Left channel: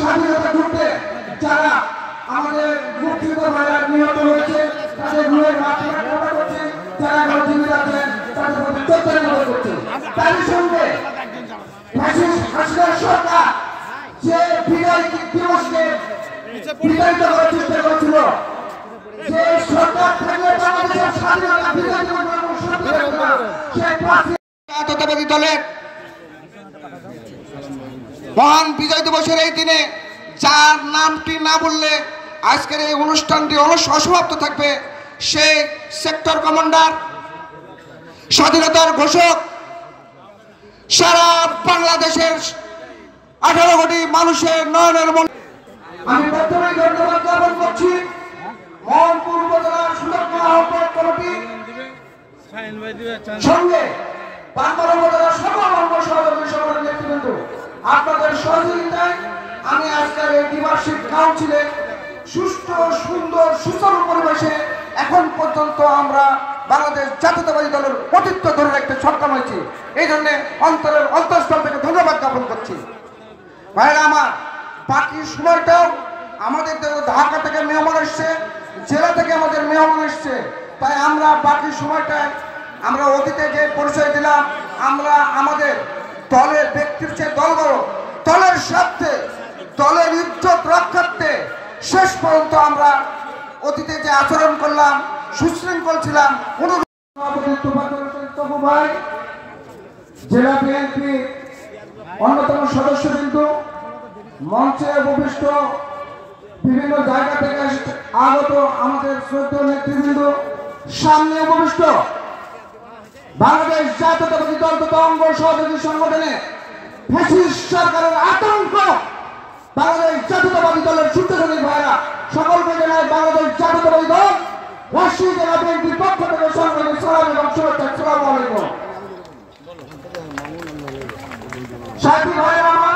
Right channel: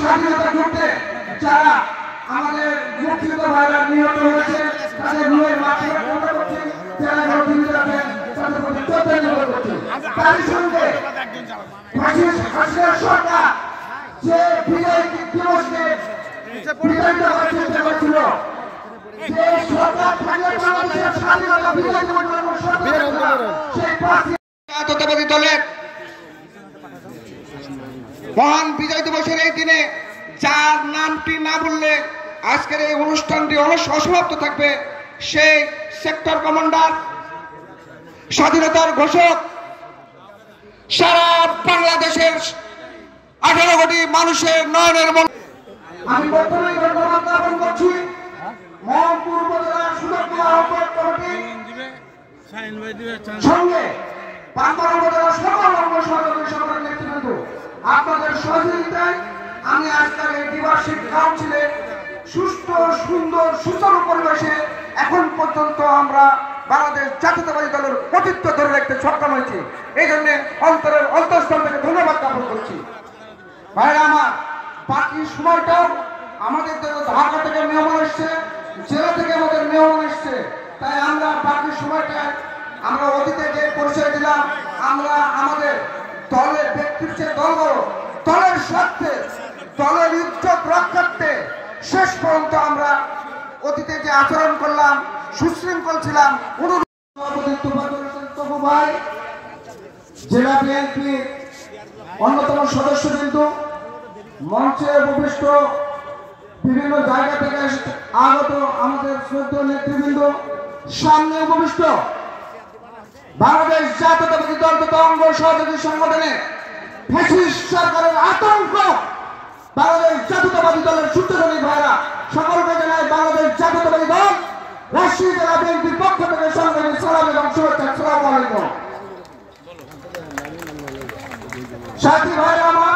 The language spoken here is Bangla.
স্বাধীনতা যুদ্ধে যারা আমাদের মুক্তিযুদ্ধ ভাইরা নিহত হয়েছে তাদের রুহের মাধ্যমে কামনা করছি, যারা জীবিত আছেন তাদের প্রতি শ্রদ্ধা করছি। তারই সঙ্গে হাসিনা সরকার যে বিজয় দিবসকে বিতাড়িত করার চেষ্টা করেছিল, যে সরকার থাকলে বাংলাদেশের স্বাধীনতা বিজয় দিবস সেই জাতীয়তাবাদী দলের মহান বিজয় দিবসের এই দিনে যার নামটি না বললে আজকের এই অনুষ্ঠানটি অসমাপ্ত থাকবে, সেই সেক্টর কমান্ডার, স্বাধীনতার ঘোষক, সারা বাংলাদেশের 18 কোটি মানুষের নয়নের মন। আমি প্রথমেই ধন্যবাদ জ্ঞাপন করছি মোহনপুর উপজেলার সুযোগ্য আহ্বায়ক কমিটি সঙ্গে বাংলা উপজেলার সকল অঙ্গ সহযোগী সংগঠনের নেতৃবৃন্দ, আপনাদের সহযোগিতায় আমি আজকের এই দ্বিবার্ষিক কাউন্সিলে সুষ্ঠু সুন্দর সুচারু পরিবেশে এখন পর্যন্ত আমরা বাংলাদেশ জাতীয়তাবাদী দলের কর্তৃত্ব ধরে রাখতে সক্ষম হয়েছি। এই জন্য অন্তরের অন্তঃস্থল থেকে ধন্যবাদ জ্ঞাপন করছি। ভাইরা আমার, বাকি সময়টাও আমাদের ঢাকা থেকে মেহমান এসছে, জেলা থেকে আমাদের মেহমান এসছে, তাই আমরা বাকি সময়টায় আমরা অতীতে যে পরিচয় দিলাম, আমরা আমাদের দলের ব্যক্তির চেয়ে দলের স্বার্থে দলের ইজ্জত রক্ষার্থে শেষ পর্যন্ত আমরা অতীতে যে আচরণ করলাম, সুশৃঙ্খল ছিলাম। ভাই, জেলা বিএনপি অন্যতম সদস্যবৃন্দ, মঞ্চে উপবিষ্ট বিভিন্ন জায়গা থেকে আগত আমাদের শ্রদ্ধেয় নেতৃবৃন্দ, সামনে উপবিষ্ট বাংলাদেশ জাতীয়তাবাদী দল তথা অঙ্গ সহযোগী সংগঠনে ফ্যাসিস্ট সরকারের আতঙ্ক বাংলাদেশ জাতীয়তাবাদী দলের সূত্রধনী ভাইরা, সকলকে জানাই বাংলাদেশ জাতীয়তাবাদী দল রাজশাহী জেলা বিএনপির পক্ষ থেকে সংগ্রামী সালাম এবং শুভেচ্ছা। আসসালামু আলাইকুম। সাথী ভাইরা আমার,